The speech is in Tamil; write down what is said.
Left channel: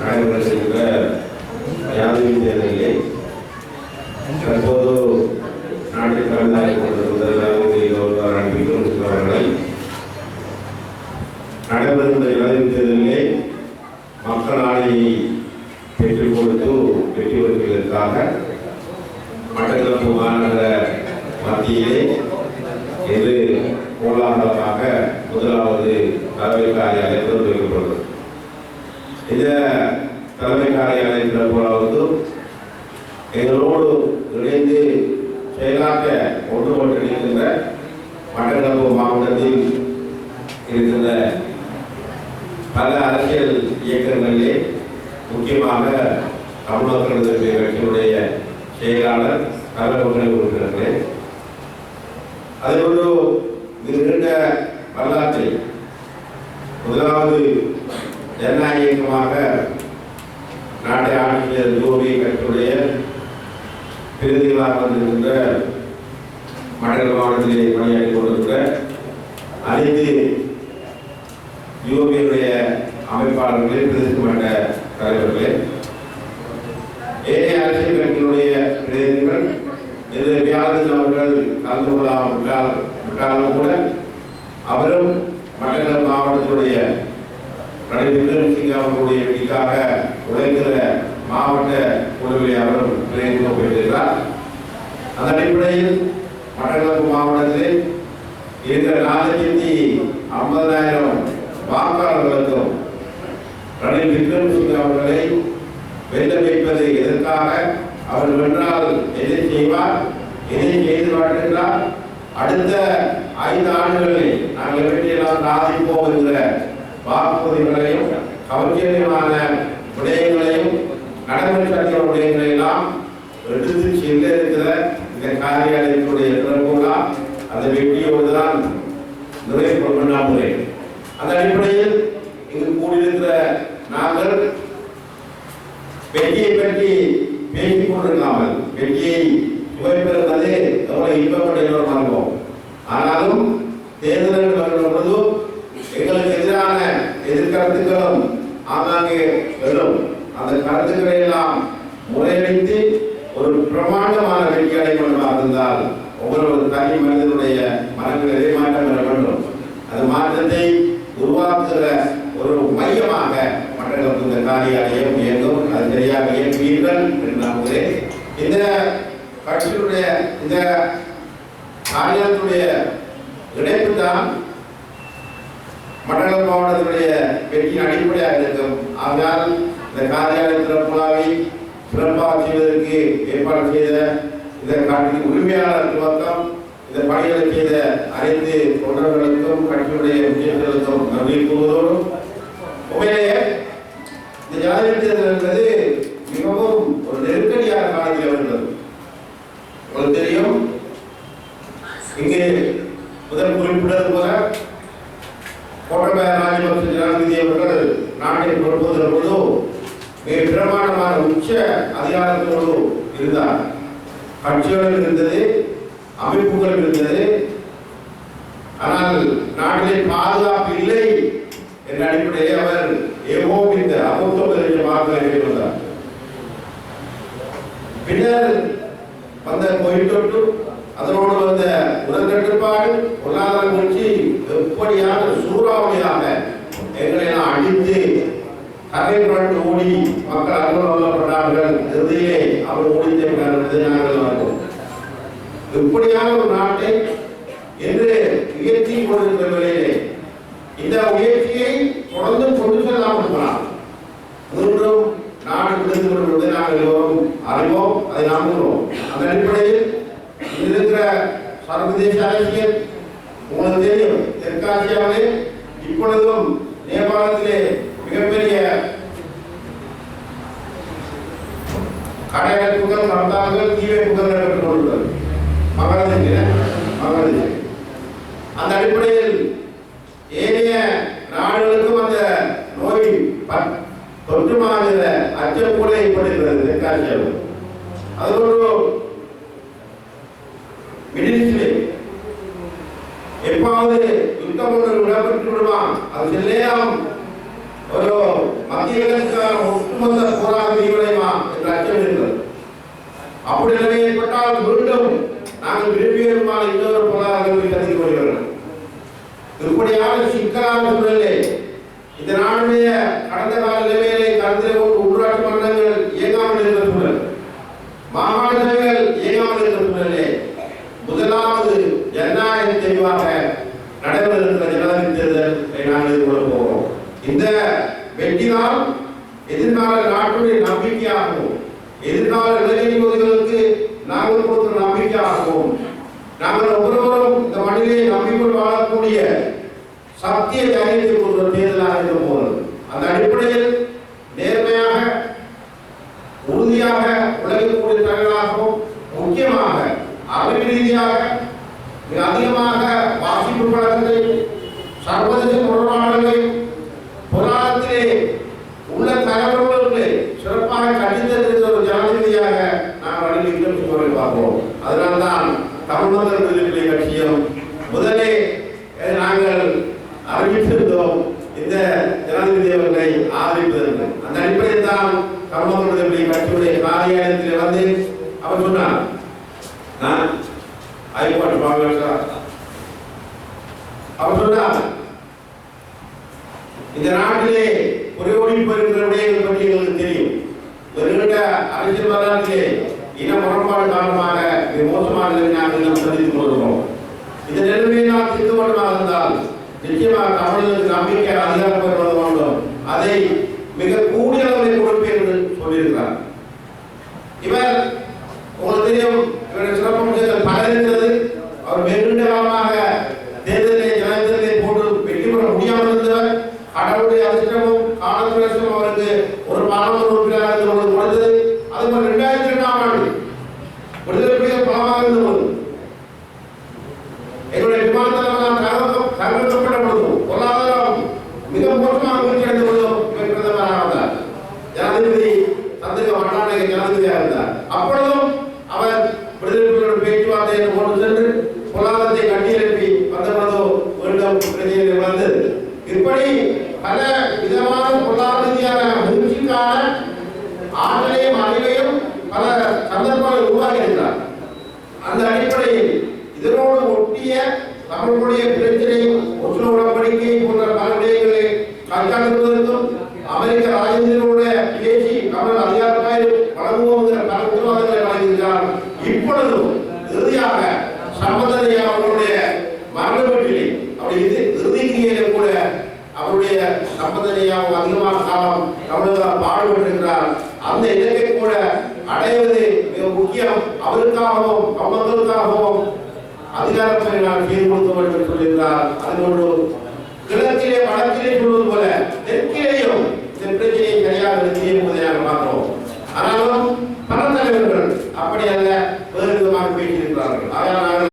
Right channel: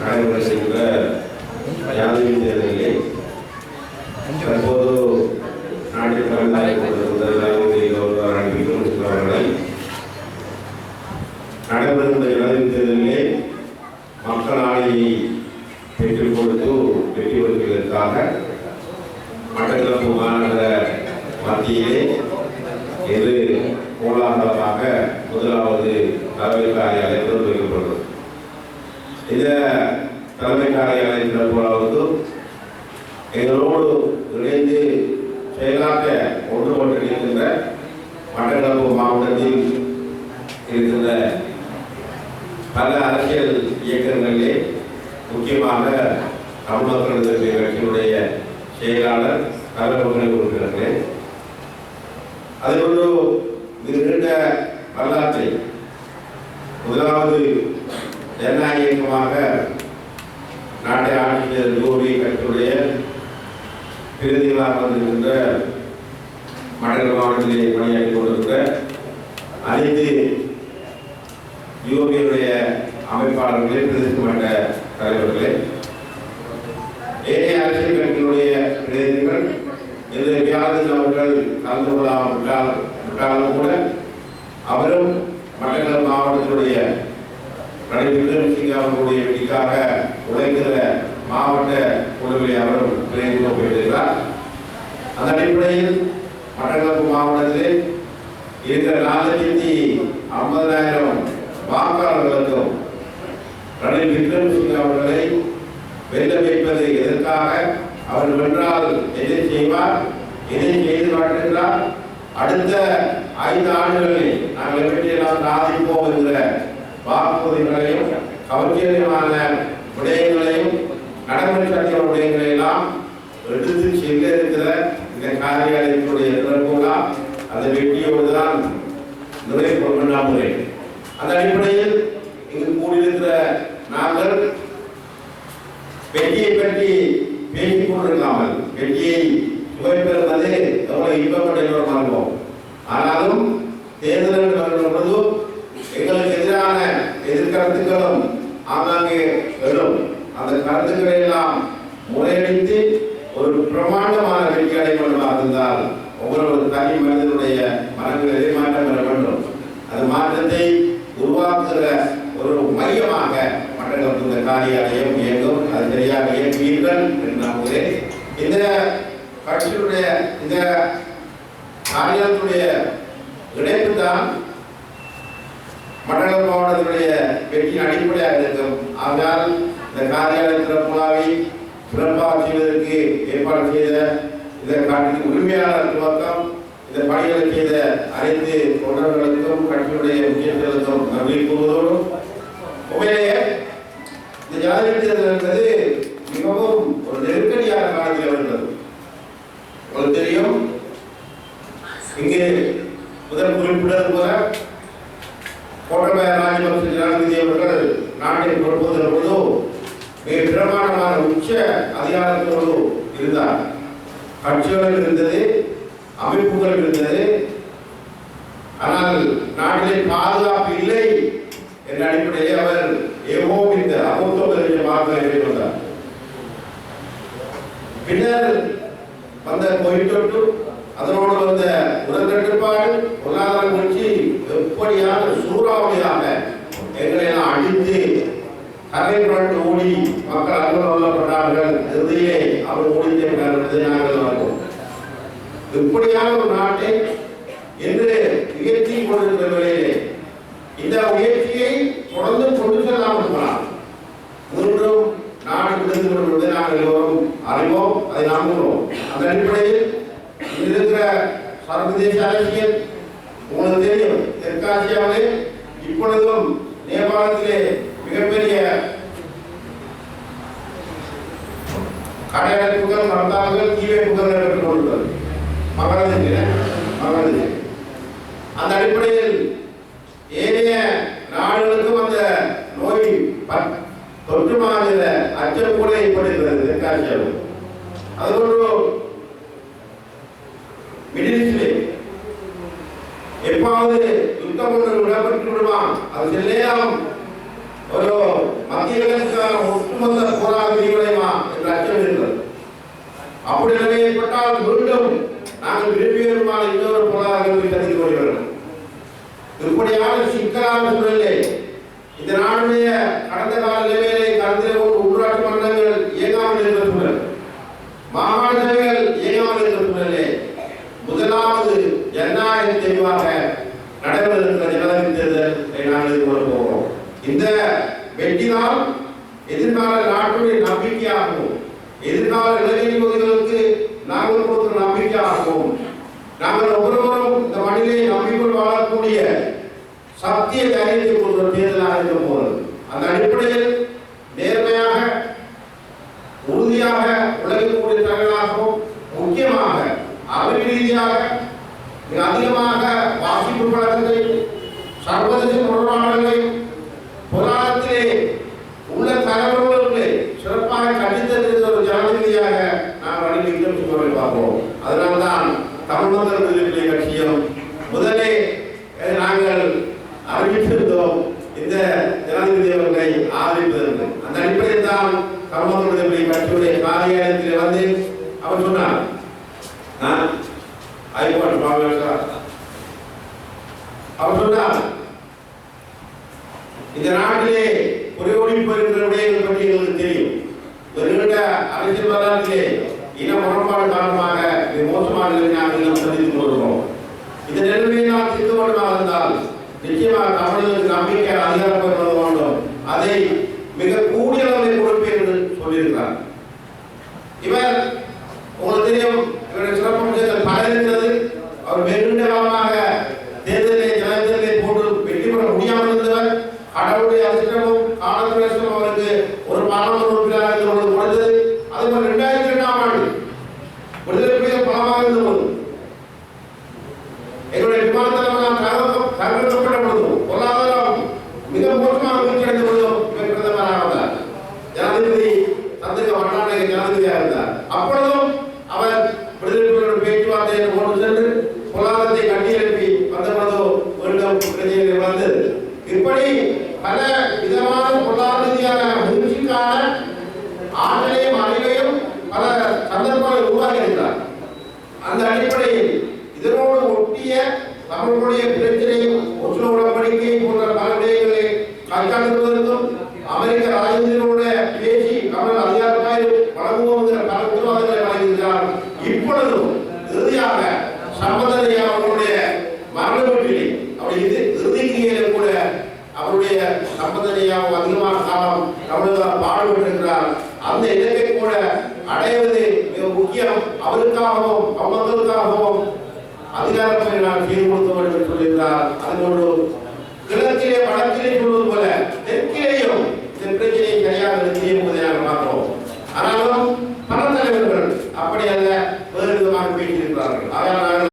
நடைபெறுகின்ற ஜனாதிபதி தேர்தலிலே தற்போது நாட்டில் தலைமையாக கொண்டிருந்த அவர்களை நடைபெறுகின்ற ஜனாதிபதி தேர்தலிலே மக்கள் ஆணையை பெற்றுக் கொடுத்து வெற்றி பெறுவதற்காக மட்டக்களப்பு மாநகர மத்தியிலே இது கோலாகலமாக முதலாவது தலைமை காரியாலயம் திறந்து வைக்கப்பட்டது. இந்த தலைமை காரியாலயம் திறப்பதாவது எங்களோடு இணைந்து செயலாக்க ஒன்றுபட்டிருக்கின்ற மட்டக்களப்பு மாவட்டத்தில் இருக்கின்ற பல அரசியல் இயக்கங்களிலே முக்கியமாக தமிழ் மக்கள் எதிர்ப்பு கட்சியினுடைய செயலாளர் தலைவர்களை கொடுக்கிறார்களே அதோடு நீண்ட வரலாற்றை முதலாவது ஜனநாயக இயக்கமாக நாட்டை ஆட்சி செய்த யோகி கட்சியுடைய பிரதிகளாக வந்திருக்கின்ற மட்டக்களப்பு மாவட்டத்திலே பணியாற்றி கொண்டிருக்கிற அனைத்து யோகியுடைய அமைப்பாளர்களே பிரதேச மட்ட தலைவர்களே ஏனைய அரசியல் கட்சியினுடைய பிரதிநிதிகள் இந்த வியாழன் அவர்கள் கலந்து கொள்ளாவிட்டாலும் கூட அவரும் மட்டக்களப்பு மாவட்டத்தினுடைய ரணில் விக்ரமசிங்கே அவர்களுடைய வெற்றிக்காக உழைக்கிற மாவட்ட குழுவிலே அவரும் பிரதிநிதித்துவம் பெற்றிருக்கிறார். அந்த அடிப்படையில் மட்டக்களப்பு மாவட்டத்திலே இருக்கிற 450,000 வாக்காளர்களுக்கும் ரணில் விக்ரமசிங்கே அவர்களை வெல்ல வைப்பது எதற்காக, அவர் வென்றால் எதை செய்வார், எதை செய்து காட்டுகிறார், அடுத்த 5 ஆண்டுகளில் நாங்கள் எப்படியெல்லாம் சாதிப்போம் என்கிற வாக்குறுதிகளையும் கவர்ச்சியமான விடயங்களையும் நடைமுறை விடயங்களை எல்லாம் எடுத்து செல்ல இருக்கிற இந்த காரியாலயத்தினுடைய திறப்புகளா அந்த வெற்றியோடு தான் நிறைவு முறை. அந்த அடிப்படையில் இங்கு கூடியிருக்கிற நாங்கள் வெற்றியை பற்றி பேசிக் கொண்டிருக்காமல் வெற்றியை சுவைப்பெறுவது எவ்வளவு இன்பப்பட்ட மறவோம். ஆனாலும் தேர்தல் வரும்பொழுது எங்களுக்கு எதிரான எதிர்கருத்துக்களும் ஆங்காங்கே எழும். அந்த கருத்துக்களை எல்லாம் முறையடித்து ஒரு பிரமாண்டமான வெற்றி அடைவதாக இருந்தால் ஒவ்வொரு தனி மனிதனுடைய மனங்களிலே மாற்றம் பெற வேண்டும். அந்த மாற்றத்தை உருவாக்குகிற ஒரு மையமாக மட்டக்களப்பு இந்த காரியாலயம் இயங்கும். அது சரியாக இயங்குவீர்கள் என்று நம்புகிறேன். இந்த கட்சியுடைய இந்த காரியாலயத்துடைய இணைப்பு தான் மட்டக்களப்பு மாவட்டத்தினுடைய வெற்றியின் அடிப்படையாக இருக்கும். ஆகையால் இந்த காரியாலய திறப்புலாவை சிறப்பாக செய்வதற்கு ஏற்பாடு செய்த இந்த காட்டின் உரிமையாளர் துவக்கம் இந்த பணிகளை செய்த அனைத்து தொண்டர்களுக்கும் கட்சியுடைய முக்கியத்துவம் நன்றி கூறுவதோடு உண்மையிலேயே இந்த ஜனாதிபதி தேர்தல் என்பது மிகவும் ஒரு நெருக்கடியான காலத்தில் வருகிறது. உங்களுக்கு தெரியும், இங்கே முதல் குறிப்பிட்டது போல கோட்டபாய ராஜபக்ச ஜனாதிபதி அவர்கள் நாட்டை பொறுப்பதற்கு பொழுது மிக பிரமாண்டமான உச்ச அதிகாரத்தோடு இருந்தார். கட்சிகள் இருந்தது, அமைப்புகள் இருந்தது. ஆனால் நாட்டிலே பாதுகாப்பு இல்லை என்ற அடிப்படையில் அவர் ஏவோம் இந்த அமுத்தமாக வந்தார். பின்னர் வந்த கோயிட்டொட்டு அதனோடு வந்த உடற்கட்டுப்பாடு பொருளாதார கட்சி எப்படியான சூறாவளியாக எங்களை எல்லாம் அடித்து கரை புரண்டு ஓடி மக்கள் அலுவலப்பட்டார்கள். இறுதியிலே அவர் ஓடித்தே நாங்கள் வந்தோம். இப்படியான ஒரு நாட்டை என்று உயர்த்தி கொண்டிருக்கிற வேளையிலே இந்த முயற்சியை தொடர்ந்து கொண்டு செல்லாமல் இருக்கலாம். மூன்றும் நாடு விடுத்து கொண்டிருப்பதை நாங்கள் எல்லோரும் அறிவோம், அதை நம்புகிறோம். அந்த அடிப்படையில் இருக்கிற சர்வதேச அரசியல் உங்களுக்கு தெரியும். தெற்காசியாவிலே இப்பொழுதும் நேபாளத்திலே மிகப்பெரிய கடையடைப்புகள், நடத்தார்கள், தீ வைப்புகள் நடைபெற்றுக் கொண்டுள்ளது. மகளது அந்த அடிப்படையில் ஏனைய நாடுகளுக்கும் அந்த நோய் தொற்றுமான அச்சம் கூட ஏற்படுகிறது தெற்காசியாவில். அதோடு மிடில் ஈஸ்டிலே எப்பாவது யுத்தம் ஒன்று இடம்பெற்று விடுவான், அது செல்லேயாம் ஒரு மத்திய கிழக்குக்கான ஒட்டுமொத்த போராக விரிவடையுமா என்ற அச்சம் இருக்கிறது. அப்படி நிலை ஏற்பட்டால் மீண்டும் நாங்கள் விரும்பியமான இன்னொரு பொருளாதாரத்தை சந்திக்க வருகிறோம். இப்படியான சிக்கலான சூழலே இந்த நாடுடைய கடந்த கால நிலைமையை கருத்தில் கொண்டு உள்ளாட்சி மன்றங்கள் இயங்காமல் இருந்த சூழல், மாகாண சபைகள் இயங்காமல் இருந்த சூழலே முதலாவது ஜனநாயக தெளிவாக நடைபெற இருக்கிற ஜனாதிபதி தேர்தலை நாங்கள் எதிர்கொள்ள போகிறோம். இந்த வெற்றிதான் எதிர்கால நாட்டுடைய நம்பிக்கையாகவும் எதிர்கால இளைஞர்களுக்கு நாங்கள் கொடுக்கிற நம்பிக்கையாகவும் நாங்கள் ஒவ்வொருவரும் இந்த மண்ணிலே நம்பிக்கொள் வாழக்கூடிய சத்திய தைரியத்தை கொடுக்கிற தேர்தலாக இருக்க போகிறது. அந்த அடிப்படையில் நேர்மையாக உறுதியாக உழைக்கக்கூடிய தலைவர்களாகவும் முக்கியமாக அறிவு ரீதியாக மிக அதிகமாக வாசிப்பு பழக்கத்தை சர்வதேச தொடர்பாளர்களை பொருளாதாரத்திலே உள்ள தலைவர்களுக்கு சிறப்பாக கண்டித்திருக்கிற ஒரு ஜனாதிபதியாக நாம் வழிநடத்தி கொண்டு பார்ப்போம். அதனால்தான் தமிழ் மக்கள் விடுதலை கட்சியும் முதலே நாங்கள் அறிவித்திருந்தோம் இந்த ஜனாதிபதி அவர்களை ஆதரிப்பதற்கு. அந்த அடிப்படையில் தான் தமிழ் மக்கள் விடுதலை கட்சியுடைய காரியாலயத்தில் வந்து அவர் சொன்னார், அவர் சொன்னார், இந்த நாட்டிலே ஒரே ஓடி போயிருக்கிற விடயங்கள் பற்றி எங்களுக்கு தெரியும். ஒரு நீண்ட அரசியல் வரலாற்றிலே இன முரண்பாடு காரணமாக மிக மோசமான நிலையை நாங்கள் சந்தித்துக் கொண்டிருக்கிறோம். இந்த நிலைமையை நாம் தீர்க்க வேண்டுமாக இருந்தால் நிச்சயமாக தமிழர்களுக்கு நம்பிக்கை அதிகாரப்பட வேண்டும். அதை மிக கூடிய அளவில் கொடுப்பேன் என்று சொல்லியிருக்கிறார். இவர் உங்களுக்கு தெரியும், இவருடைய சிறப்பம்சங்கள் பல இருக்கிறது. அவர் வெகுண்ட காலமாக தேர்தலை ஜனாதிபதியை போட்டு வெற்றி பெற முடியாமல் இருந்தவர். கடவுளுடைய அதிர்ஷ்டமும் காலத்துவம் அவருக்கு ஒரு பாராளுமன்ற உறுப்பினராக இருந்தபோது கொடுத்தது. அதுபோல் 2002ஆம் ஆண்டு விடுதலை புலிகள் பலமாக இருந்தபோது எங்களுடைய விமானத்தளம் தகர்க்கப்பட்ட பொழுதும் பொருளாதாரம் மிக மோசமாக வீழ்ச்சியடைந்த பொழுதும் இவர் பிரதமராக இருந்தார். ஜனாதிபதி சந்திரிகா பண்டாரநாயகா ஜனாதிபதியாக இருந்தார். அப்பொழுதும் அவர் விடுதலை புலிகளுடன் பேச்சுவார்த்தை என்று கொண்டு சென்று பொருளாதாரத்தை கட்டியெழுப்பி வந்த பொழுதோ மீண்டும் பிரச்சனைகள் வந்தது. இப்படி பல விதமான பொருளாதார ரீதியான முயற்சிக்கான ஆற்றலையும் அறிவையும் பல சந்தர்ப்பங்களை உருவாக்கி இருக்கிறார். அந்த அடிப்படையில் இதனோடு ஒட்டிய தமிழுடைய பிரச்சனையும் ஒற்றுமை உடன்படிக்கை போன்ற பல விடயங்களை கண்காணிப்பதற்கும் அமெரிக்க ராஜேந்திரனுடைய பேசி தமிழ் அதிகாரமாய் வழங்குவோம் என்ற பல உத்தரவாதங்களை வழங்குகிறார். இப்பொழுதும் இறுதியாக சம்பந்தனையா அவர்களுடைய மரண வீட்டிலே அவருடைய இறுதிக்கிரியிலே கூட அவருடைய சம்பந்தனையாவும் அதிகமான காலம் தமிழக பாடுபட்டிருக்கிறார். அந்த இலக்கை கூட அடைவது மிக முக்கியம். அவருக்காகவும் மக்களுக்காகவும் அதிகாரத்தை நான் செய்து கொடுக்க வேண்டும் என்று சொல்லியிருந்தார். அதுபோன்று கிழக்கிலே வடக்கிலே சொல்வது போல தெற்கிலேயும் இந்த பிரச்சனையை சரியாக நிறுத்தி என்பதை நாங்கள் பார்க்கிறோம். ஆனாலும் பல தலைவர்கள் அப்படி அல்ல வேறு விதமாக பேசியிருக்கிறார்கள். ஆனால் நாங்கள்